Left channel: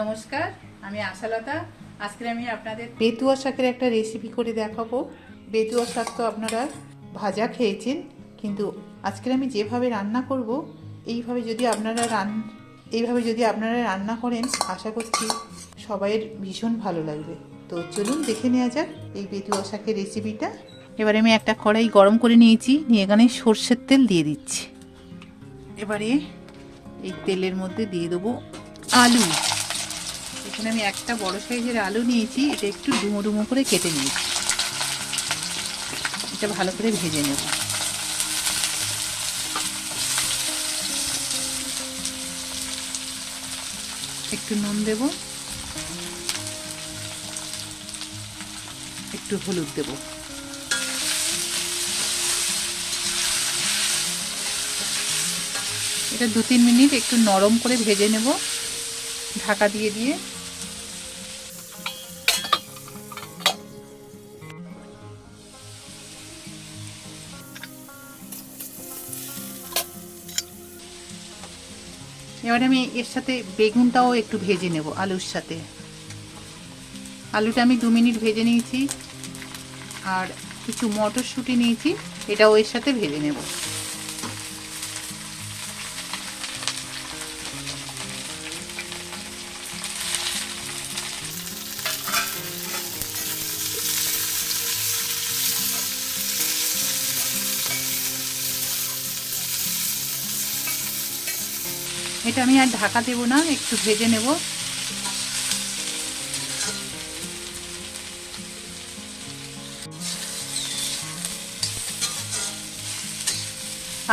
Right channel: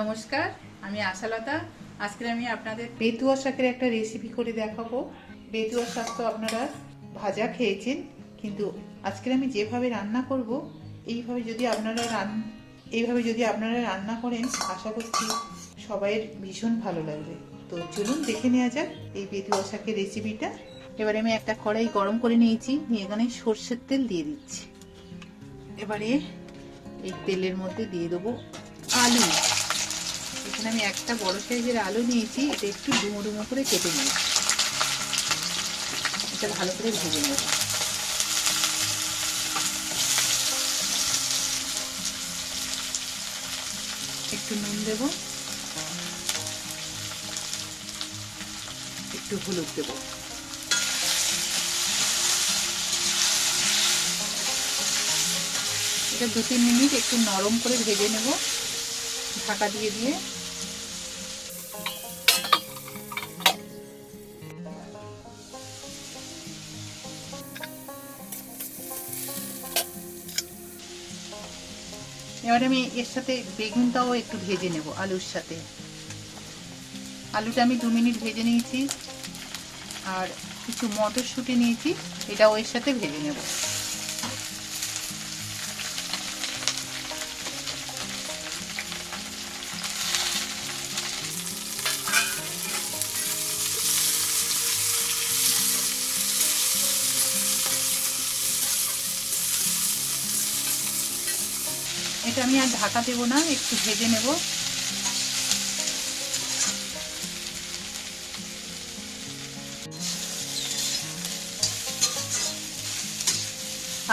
নমস্কার, আমি আশালতা। আজকে আমি আপনাদের বেতুয়া শাকের একটা রেসিপি করে দেখাবো। বেতুয়া শাক তো আপনারা ভাজা খেয়েছেন, কিন্তু আজকে আমি যেভাবে রান্না করব, এইভাবে যদি আপনারা রান, এইভাবে যদি আপনারা রান্না করেন, আশা করছি সবাইয়ের ভীষণ ভালো লাগবে। তো চলুন দেখে নেওয়া যাক এই বেতুয়া শাকের রেসিপিটা এবারে আমি একটা কড়াই গরম করে নিয়েছি, নিয়ে এখানে সর্ষের তেল দিয়ে দিচ্ছি। এবারে এই তেলের মধ্যে দিয়ে দেবো আলু। এখানে আমি একটা বড় সাইজের আলু নিয়েছি, এটা একটু ডুমো ডুমো করে কেটে নিয়েছি। এটা ভালো করে ভেজে নেব। একটু নুন দেব। একটু হলুদ দেব। এটা দু তিন মিনিট একটু নরম করে ভেজে নেব। ঢাকা দিয়ে দিয়ে। এবারে আমি এর সাথে বেগুনটাও একটু ভেজে নেব, আলুর সাথে। আলুটা আমি দু মিনিট ভেজে নিয়েছি, আর কিছু মটরশুঁটি নিয়েছি, এটাও এর সাথে ভেজে নেব। এটা আমি আর ঢাকা দেবো না, একটু ভেজে নেব।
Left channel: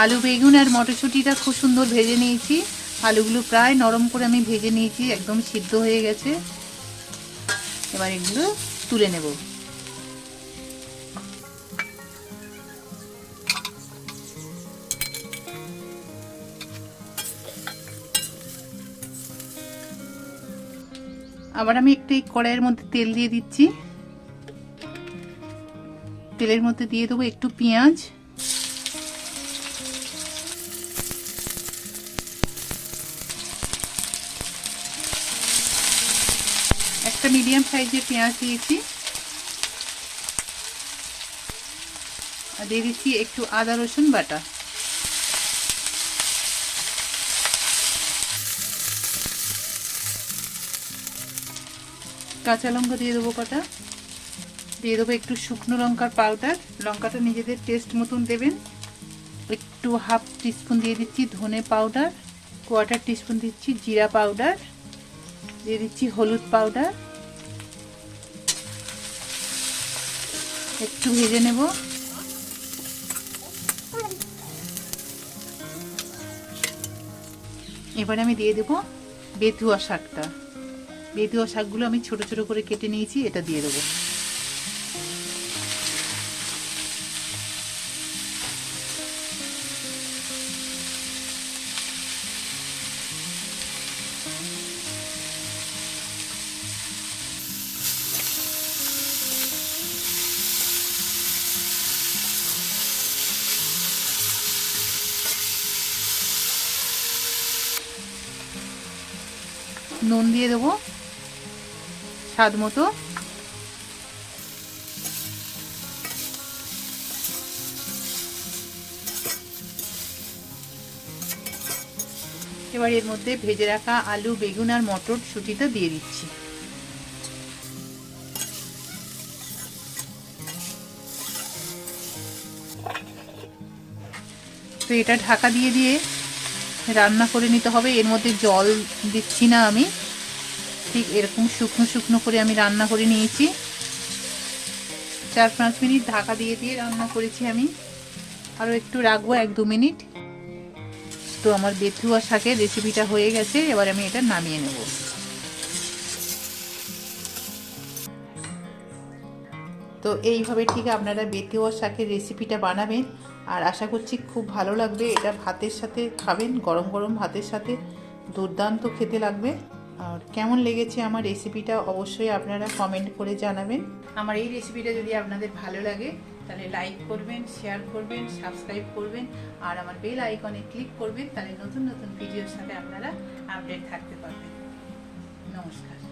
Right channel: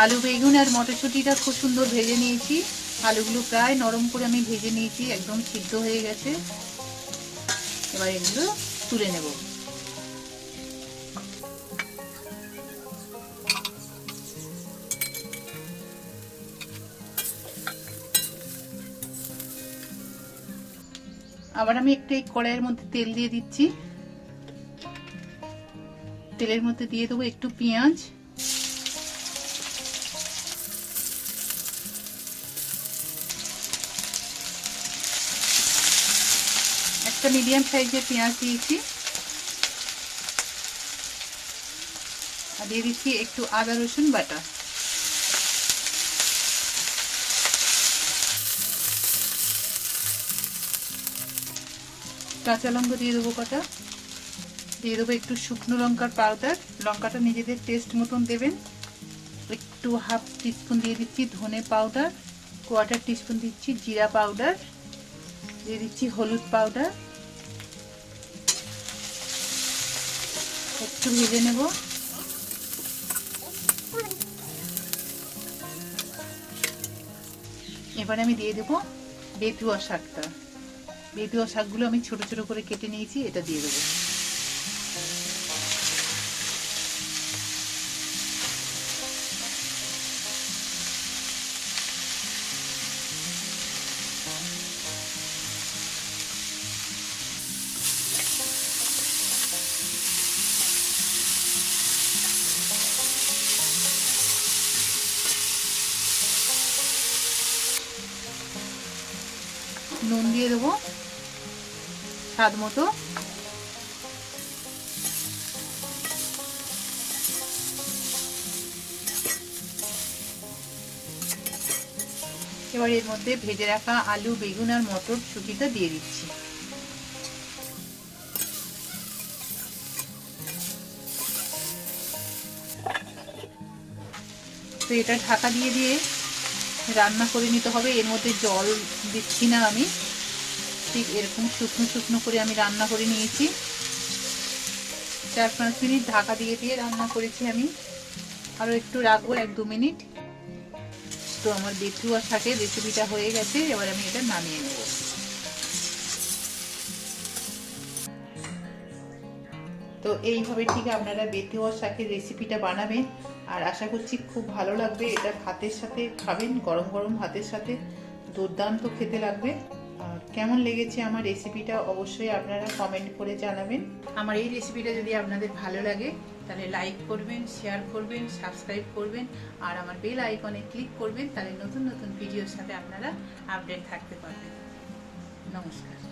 আলু বেগুন আর মটরশুঁটিটা খুব সুন্দর ভেজে নিয়েছি। আলুগুলো প্রায় নরম করে আমি ভেজে নিয়েছি, একদম সিদ্ধ হয়ে গেছে। এবার এগুলো তুলে নেব। আবার আমি একটু এই কড়াইয়ের মধ্যে তেল দিয়ে দিচ্ছি। তেলের মধ্যে দিয়ে দেবো একটু পেঁয়াজ। একটা মিডিয়াম সাইজের পেঁয়াজ দিয়েছি। আর দিয়ে দিচ্ছি একটু আদা রসুন বাটা। কাঁচা লঙ্কা দিয়ে দেবো কটা। দিয়ে দেবো একটু শুকনো লঙ্কার পাউডার লঙ্কাটা নিজেদের টেস্ট মতন দেবেন। একটু হাফ টিস্পুন দিয়ে দিচ্ছি ধনে পাউডার কোয়ার্টার টিস্পুন দিচ্ছি জিরা পাউডার দিয়ে দিচ্ছি হলুদ পাউডার একটু ভেজে নেব। এবারে আমি দিয়ে দেবো বেতুয়া শাকটা। বেতুয়া শাকগুলো আমি ছোট ছোট করে কেটে নিয়েছি এটা দিয়ে দেবো। নুন দিয়ে দেবো। স্বাদ মতো। এবার এর মধ্যে ভেজে রাখা আলু, বেগুন আর মটর সুটিটা দিয়ে দিচ্ছি। তো এটা ঢাকা দিয়ে দিয়ে রান্না করে নিতে হবে। এর মধ্যে জল দিচ্ছি না আমি। ঠিক এরকম শুকনো শুকনো করে আমি রান্না করে নিয়েছি। চার পাঁচ মিনিট ঢাকা দিয়ে দিয়ে রান্না করেছি আমি। আরও একটু রাখব, এক দু মিনিট। তো আমার বেথুয়া শাকের রেসিপিটা হয়ে গেছে, এবার আমি এটা নামিয়ে নেব। তো এইভাবে ঠিক আপনারা বেথুয়া শাকের রেসিপিটা বানাবেন। আর আশা করছি খুব ভালো লাগবে, এটা ভাতের সাথে খাবেন, গরম গরম ভাতের সাথে। দুর্দান্ত খেতে লাগবে। আর কেমন লেগেছে আমার রেসিপিটা অবশ্যই আপনারা কমেন্ট করে জানাবেন। আমার এই রেসিপিটা যদি আপনাদের ভালো লাগে, তাহলে লাইক করবেন শেয়ার করবেন সাবস্ক্রাইব করবেন, আর আমার বেল আইকনে ক্লিক করবেন, তাহলে নতুন নতুন ভিডিওর সাথে আপনারা আপডেট থাকতে পারবেন। নমস্কার।